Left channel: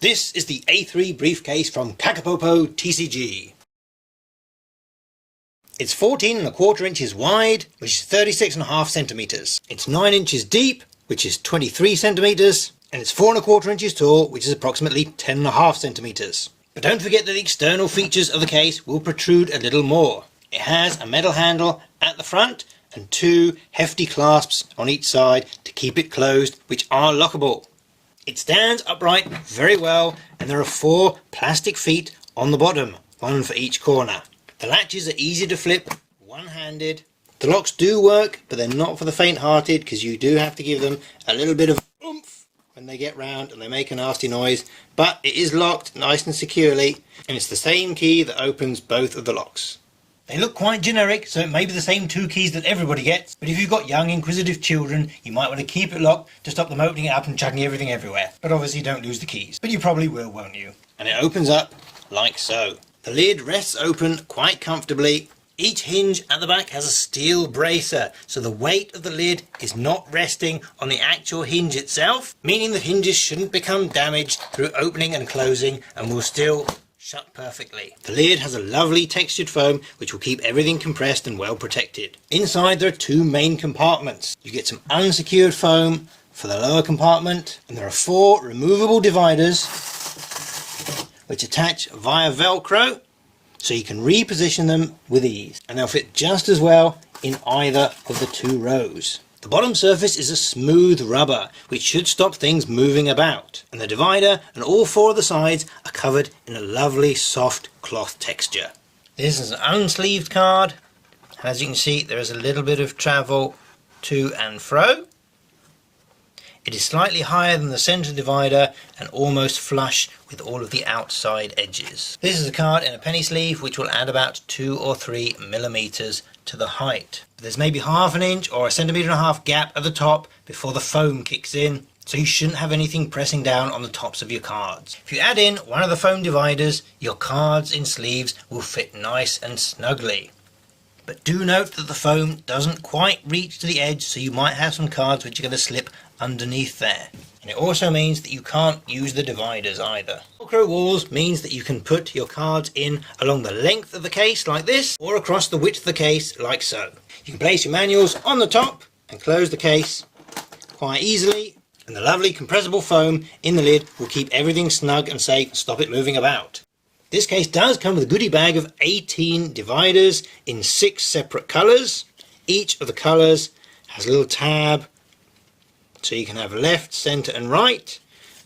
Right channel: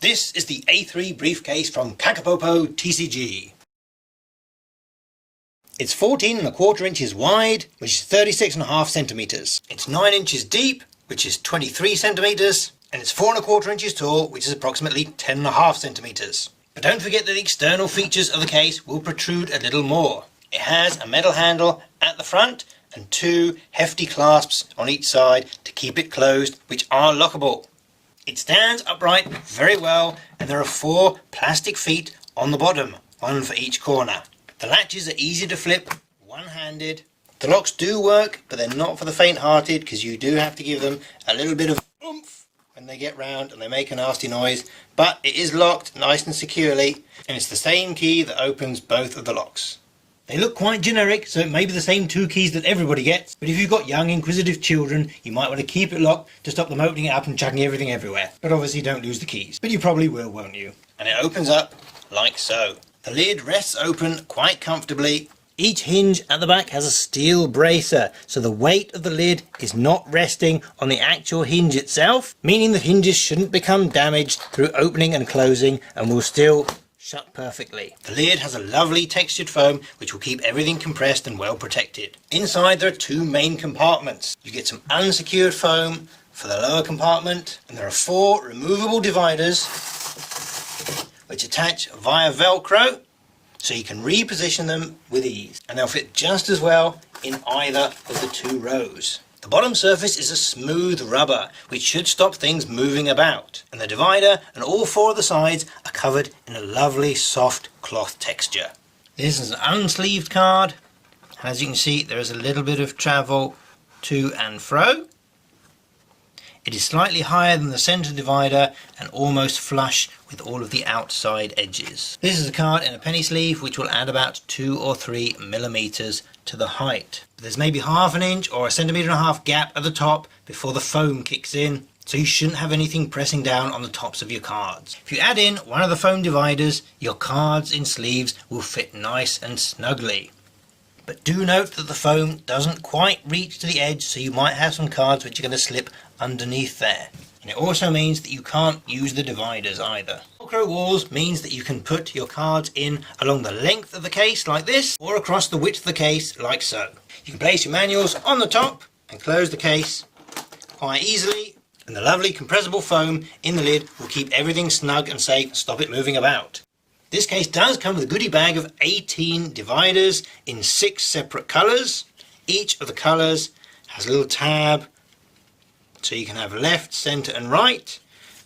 This is the A3 briefcase from KakapopoTCG. It's 14¼ inches wide, which is 36½ centimeters. It's 9 inches deep, which is 23 centimeters, and it's 4¼ inches tall, which is approximately 10½ centimeters. But don't forget that the external features of the case will protrude a little more. It has a metal handle at the front and 2 hefty clasps on each side to keep it closed, which are lockable. It stands upright very well, and there are 4 plastic feet on the bottom, 1 for each corner. The latches are easy to flip, one-handed. The locks do work, but they're not for the faint-hearted, because you do have to give them a little bit of oomph when they get round and they make a nasty noise. But it is locked nice and securely, and it's the same key that opens both of the locks. They look quite generic, so it may be the same 2 keys that everybody gets, but if you've got young inquisitive children, you might want to keep it locked to stop them opening it up and chucking everything everywhere. But obviously don't lose the keys. But you probably will, won't you? And it opens up like so. The lid rests open quite comfortably. Each hinge at the back has a steel bracer, so the weight of the lid is not resting on the actual hinge itself, meaning the hinges shouldn't become damaged through opening and closing and will still shut perfectly. The lid has a lovely textured foam which will keep everything compressed and well protected. Inside there are 2 main compartments. You get some unsecured foam for the lower compartment, and there are 4 removable dividers which attach via Velcro, so you can reposition them with ease, and they'll fit just as well in either of the 2 rows. The bottom surface is a smooth rubber, which should stop things moving about, and the divider and all 4 of the sides are covered in a lovely soft cloth texture. This is an unsleeved card. As you can see, there is a little bit of travel to and fro. It is slightly higher than the centre divider and almost flush with all of the outside edges. This is a card in a penny sleeve which will add about 2 or 3 millimeters to the height. There's maybe ½ an inch or 1.5 centimeters gap at the top before the foam kicks in, so you shouldn't have anything pressing down on the tops of your cards. If you add in one of the foam dividers, your cards in sleeves will fit nice and snugly. But do note that the foam doesn't quite reach to the edge, so you might have some cards which are going to slip underneath there. And it also means that you can't use the dividers either. Velcro walls means that you can put your cards in along the length of the case like this, or across the width of the case like so. You can place your manuals on the top and close the case quite easily, and the lovely compressible foam in the lid will keep everything snug and safe and stop it moving about. This case does come with a goodie bag of 18 dividers in 6 separate colours. Each of the colours has a little tab, so you can have left, centre and right.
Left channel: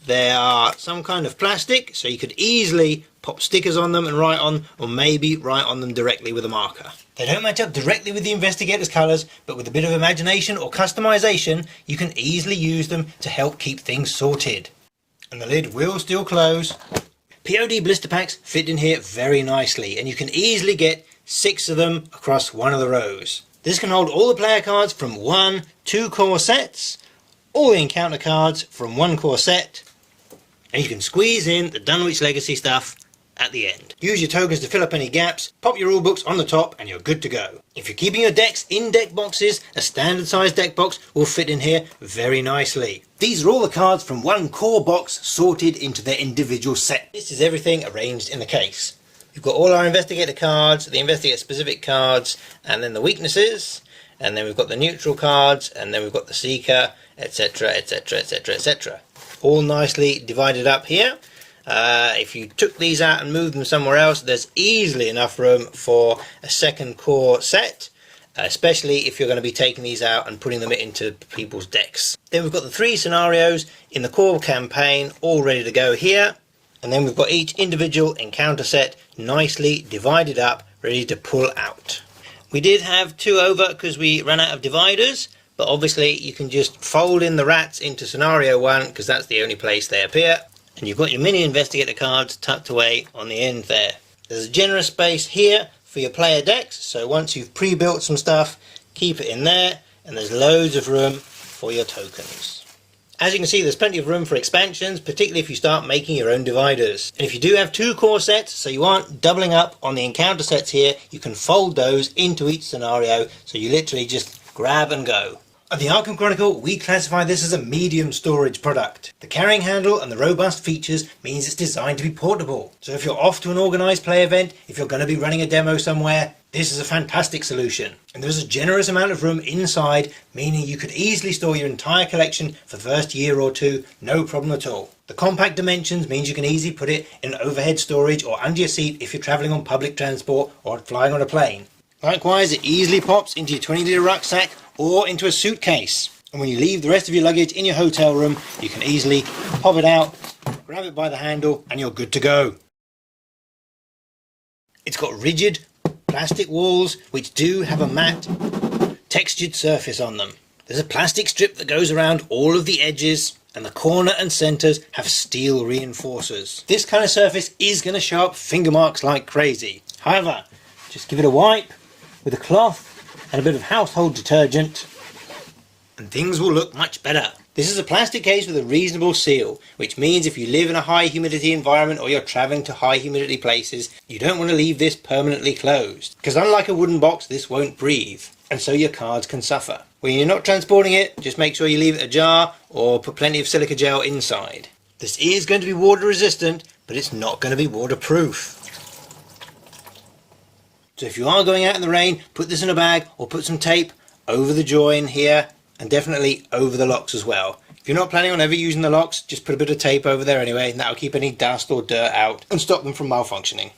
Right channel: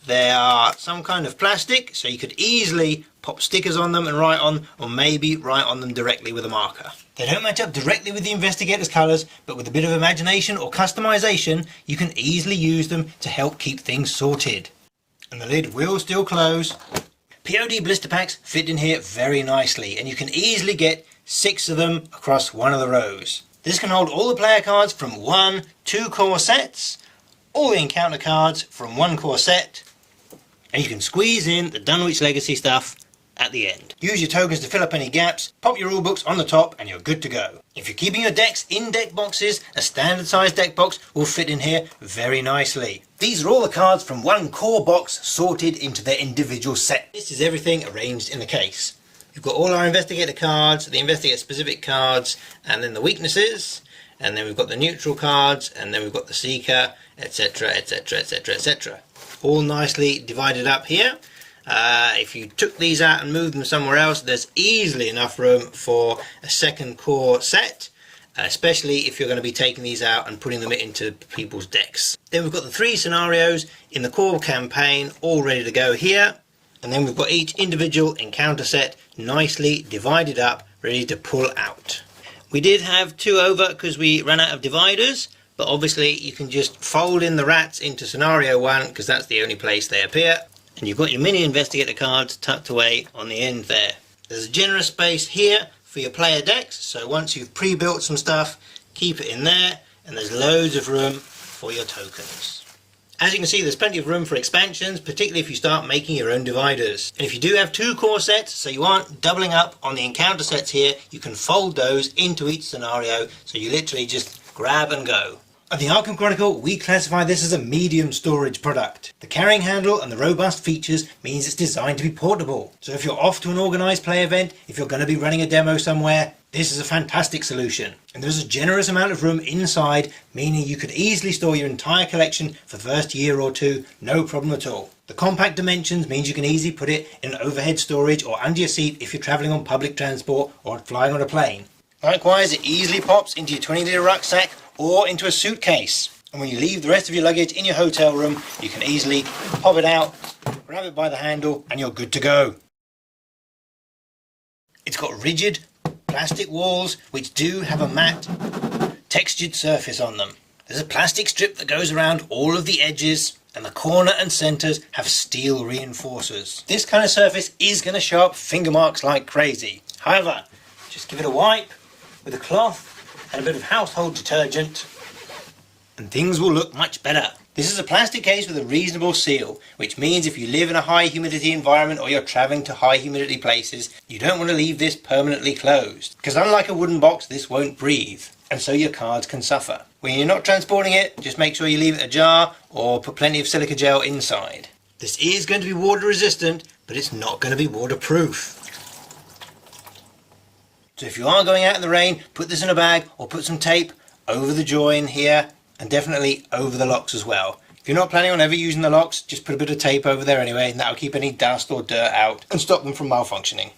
They are some kind of plastic, so you could easily pop stickers on them and write on, or maybe write on them directly with a marker. They don't match up directly with the Investigator's colours, but with a bit of imagination or customisation, you can easily use them to help keep things sorted. And the lid will still close. POD blister packs fit in here very nicely, and you can easily get 6 of them across one of the rows. This can hold all the player cards from 1 2 core sets, all the encounter cards from 1 core set, and you can squeeze in the Dunwich Legacy stuff at the end. Use your tokens to fill up any gaps, pop your rulebooks on the top, and you're good to go. If you're keeping your decks in deck boxes, a standard size deck box will fit in here very nicely. These are all the cards from 1 core box sorted into their individual set. This is everything arranged in the case. We've got all our Investigator cards, the Investigator specific cards, and then the weaknesses, and then we've got the neutral cards, and then we've got the Seeker, etc, etc, etc, etc. All nicely divided up here. If you took these out and moved them somewhere else, there's easily enough room for a 2nd core set, especially if you're going to be taking these out and putting them into people's decks. Then we've got the 3 scenarios in the core campaign all ready to go here, and then we've got each individual encounter set nicely divided up, ready to pull out. We did have 2 over because we ran out of dividers, but obviously you can just fold in the rats into scenario 1 because that's the only place they appear, and you've got your mini Investigator cards tucked away on the end there. There's a generous space here for your player decks, so once you've pre-built some stuff, keep it in there, and there's loads of room for your tokens. As you can see, there's plenty of room for expansions, particularly if you start making your own dividers. And if you do have 2 core sets, so you aren't doubling up on the encounter sets here, you can fold those into each scenario, so you literally just grab and go. At the Arkham Chronicle, we classify this as a medium storage product. The carrying handle and the robust features means it's designed to be portable. So if you're off to an organised play event, if you're going to be running a demo somewhere, this is a fantastic solution. And there's a generous amount of room inside, meaning you could easily store your entire collection for the first year or two, no problem at all. The compact dimensions means you can easily put it in overhead storage or under your seat if you're travelling on public transport or flying on a plane. Likewise, it easily pops into your 20-litre rucksack or into a suitcase. And when you leave the rest of your luggage in your hotel room, you can easily pop it out, grab it by the handle, and you're good to go. It's got rigid plastic walls which do have a matte textured surface on them. There's a plastic strip that goes around all of the edges, and the corner and centres have steel reinforcers. This kind of surface is going to show up finger marks like crazy. However, just give it a wipe with a cloth and a bit of household detergent and things will look much better. This is a plastic case with a reasonable seal, which means if you live in a high humidity environment or you're travelling to high humidity places, you don't want to leave this permanently closed, because unlike a wooden box, this won't breathe, and so your cards can suffer. When you're not transporting it, just make sure you leave it ajar or put plenty of silica gel inside. This is going to be water resistant, but it's not going to be waterproof. So if you are going out in the rain, put this in a bag or put some tape over the join here and definitely over the locks as well. If you're not planning on ever using the locks, just put a bit of tape over there anyway, and that'll keep any dust or dirt out and stop them from malfunctioning.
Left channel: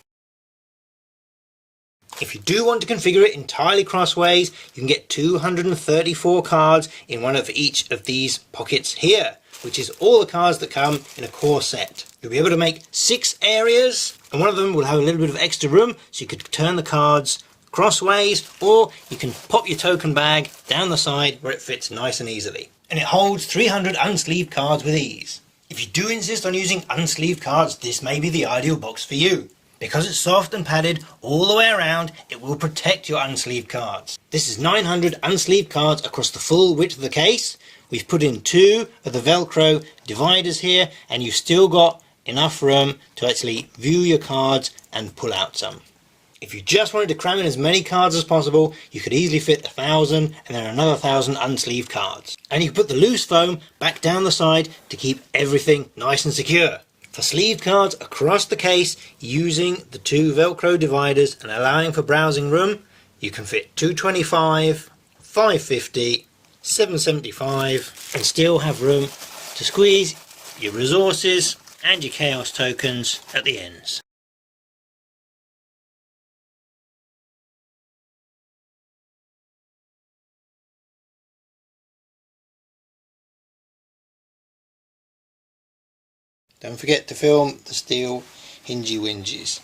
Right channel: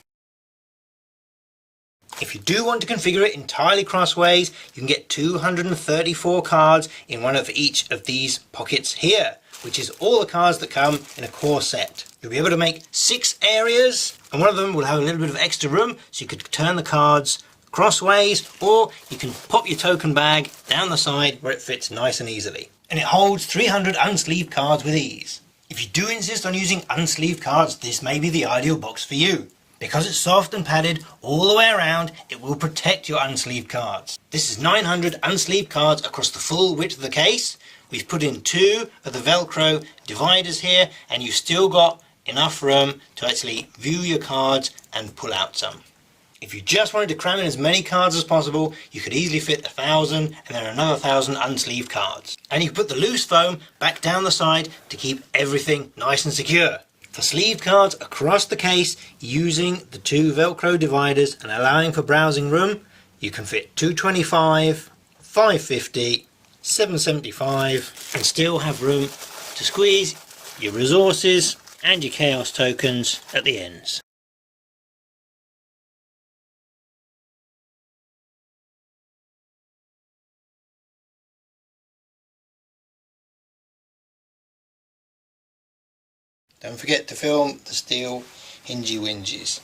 If you do want to configure it entirely crossways, you can get 234 cards in one of each of these pockets here, which is all the cards that come in a core set. You'll be able to make 6 areas, and one of them will have a little bit of extra room, so you could turn the cards crossways, or you can pop your token bag down the side where it fits nice and easily. And it holds 300 unsleeved cards with ease. If you do insist on using unsleeved cards, this may be the ideal box for you. Because it's soft and padded all the way around, it will protect your unsleeved cards. This is 900 unsleeved cards across the full width of the case. We've put in 2 of the Velcro dividers here, and you've still got enough room to actually view your cards and pull out some. If you just wanted to cram in as many cards as possible, you could easily fit 1,000 and then another 1,000 unsleeved cards. And you can put the loose foam back down the side to keep everything nice and secure. For sleeved cards across the case, using the 2 Velcro dividers and allowing for browsing room, you can fit 225, 550, 775 and still have room to squeeze your resources and your chaos tokens at the ends. Don't forget to film the steel hingy winges.